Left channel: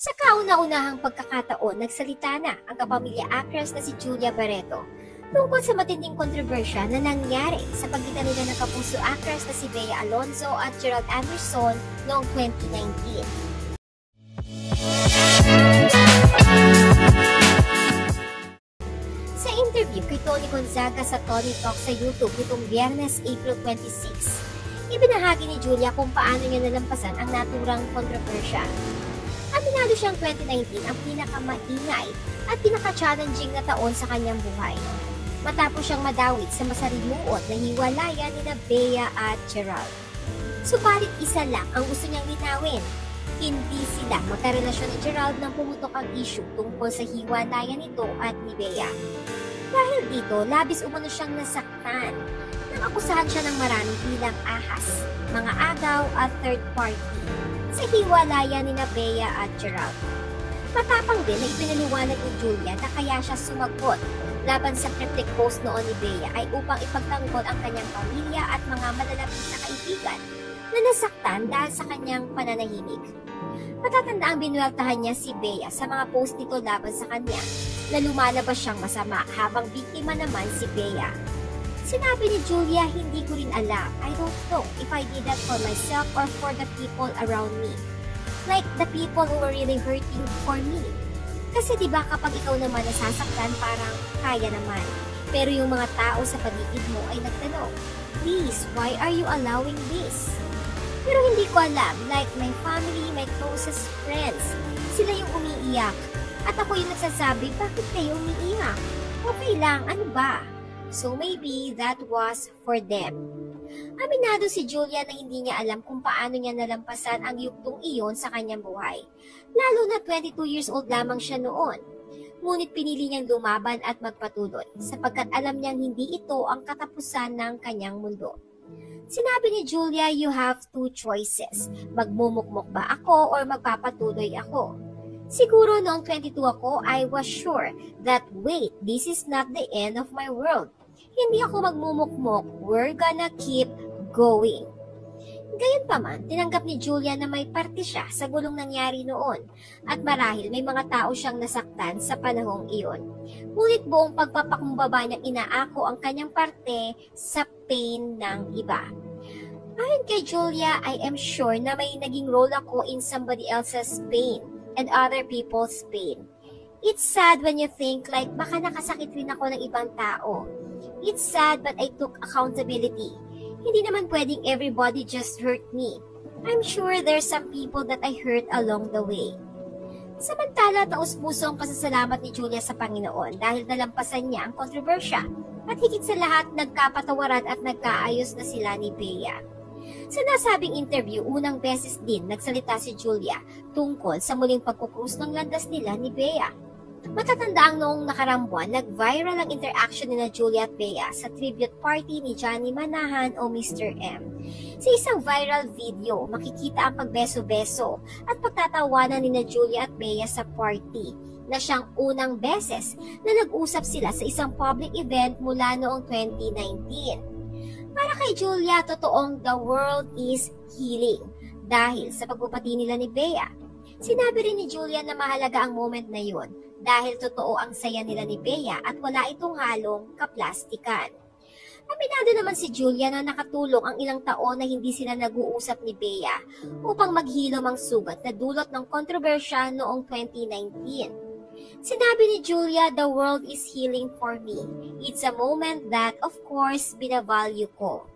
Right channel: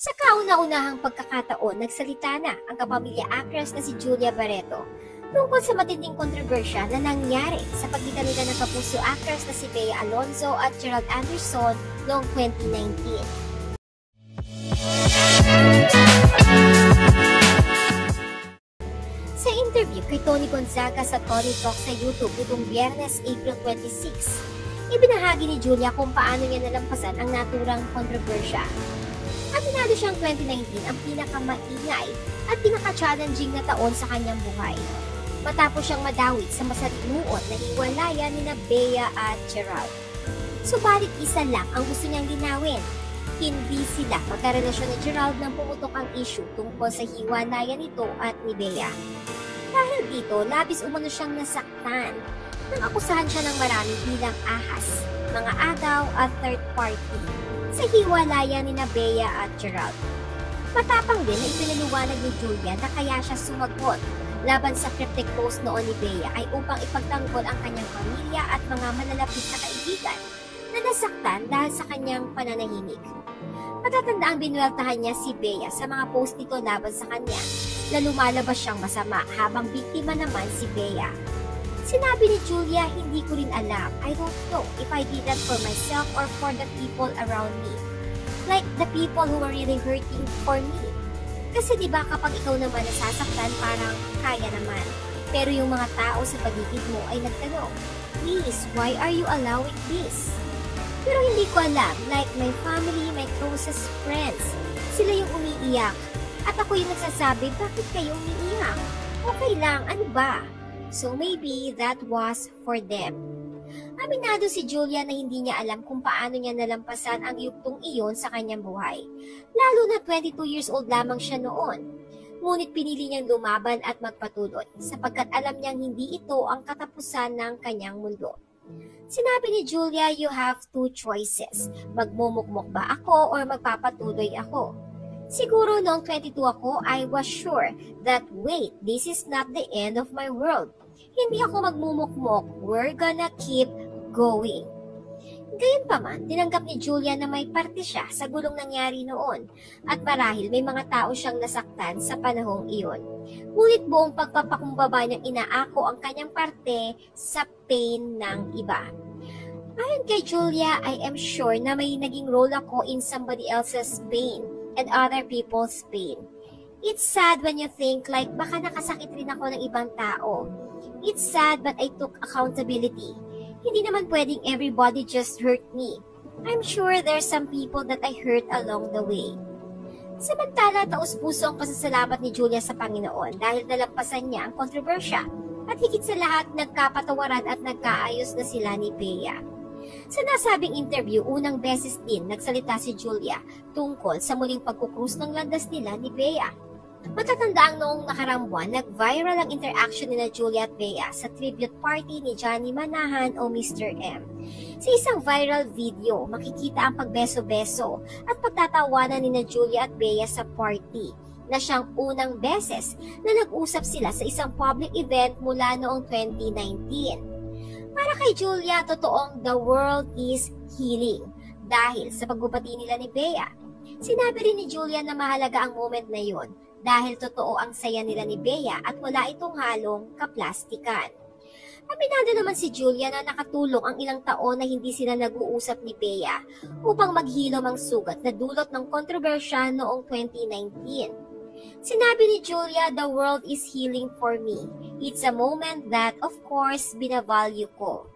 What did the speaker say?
Sa kauna-unahang pagkakataon, nagsalita na ang kapamilya actress na si Julia Barreto tungkol sa matinding kontrobersya na nangyari sa pagitan nila ng kapuso actress na si Bea Alonzo at Gerald Anderson noong 2019. Sa interview kay Tony Gonzaga sa Tony Talk sa YouTube nitong Biyernes, April 26, ibinahagi ni Julia kung paano niya nalampasan ang naturang kontrobersya. Aminado siyang 2019 ang pinakamaingay at pinaka-challenging na taon sa kanyang buhay. Matapos siyang madawit sa masalimuot na hiwalayan ni Bea at Gerald. Subalit isa lang ang gusto niyang linawin. Hindi sila magkarelasyon ni Gerald nang pumutok ang issue tungkol sa hiwalayan nito at ni Bea. Dahil dito, labis umano siyang nasaktan nang akusahan siya ng marami bilang ahas, mga agaw at third party sa hiwalayan ni Bea at Gerald. Matapang din na ipinaliwanag ni Julia na kaya siya sumagot laban sa cryptic post noon ni Bea ay upang ipagtanggol ang kanyang pamilya at mga malalapit na kaibigan na nasaktan dahil sa kanyang pananahimik. Matatanda ang binuwaltahan niya si Bea sa mga post nito laban sa kanya na lumalabas siyang masama habang biktima naman si Bea. Sinabi ni Julia, hindi ko rin alam. I don't know if I did that for myself or for the people around me. Like the people who were really hurting for me. Kasi diba kapag ikaw naman nasasaktan, parang kaya naman. Pero yung mga tao sa paligid mo ay nagtanong, please, why are you allowing this? Pero hindi ko alam, like my family, my closest friends, sila yung umiiyak. At ako yung nagsasabi, bakit kayo umiiyak? Okay lang, ano ba? So maybe that was for them. Aminado si Julia na hindi niya alam kung paano niya nalampasan ang yugtong iyon sa kanyang buhay. Lalo na 22 years old lamang siya noon. Ngunit pinili niyang lumaban at magpatuloy sapagkat alam niyang hindi ito ang katapusan ng kanyang mundo. Sinabi ni Julia, you have two choices. Magmumukmok ba ako or magpapatuloy ako? Siguro noong 22 ako, I was sure that wait, this is not the end of my world. Hindi ako magmumukmok. We're gonna keep going. Gayunpaman, tinanggap ni Julia na may parte siya sa gulong nangyari noon at marahil may mga tao siyang nasaktan sa panahong iyon. Ngunit buong pagpapakumbaba niyang inaako ang kanyang parte sa pain ng iba. Ayon kay Julia, I am sure na may naging role ako in somebody else's pain and other people's pain. It's sad when you think like baka nakasakit rin ako ng ibang tao. It's sad but I took accountability. Hindi naman pwedeng everybody just hurt me. I'm sure there's some people that I hurt along the way. Samantala, taus-puso ang pasasalamat ni Julia sa Panginoon dahil nalampasan niya ang kontrobersya at higit sa lahat nagkapatawaran at nagkaayos na sila ni Bea. Sa nasabing interview, unang beses din nagsalita si Julia tungkol sa muling pagkukrus ng landas nila ni Bea. Matatanda ang noong nakarang buwan, nag-viral ang interaction ni Julia at Bea sa tribute party ni Johnny Manahan o Mr. M. Sa isang viral video, makikita ang pagbeso-beso at pagtatawanan ni Julia at Bea sa party na siyang unang beses na nag-usap sila sa isang public event mula noong 2019. Para kay Julia, totoong the world is healing dahil sa pagbubati nila ni Bea. Sinabi rin ni Julia na mahalaga ang moment na yun dahil totoo ang saya nila ni Bea at wala itong halong kaplastikan. Aminado naman si Julia na nakatulong ang ilang taon na hindi sila nag-uusap ni Bea upang maghilom ang sugat na dulot ng kontrobersya noong 2019. Sinabi ni Julia, the world is healing for me. It's a moment that, of course, binavalue ko.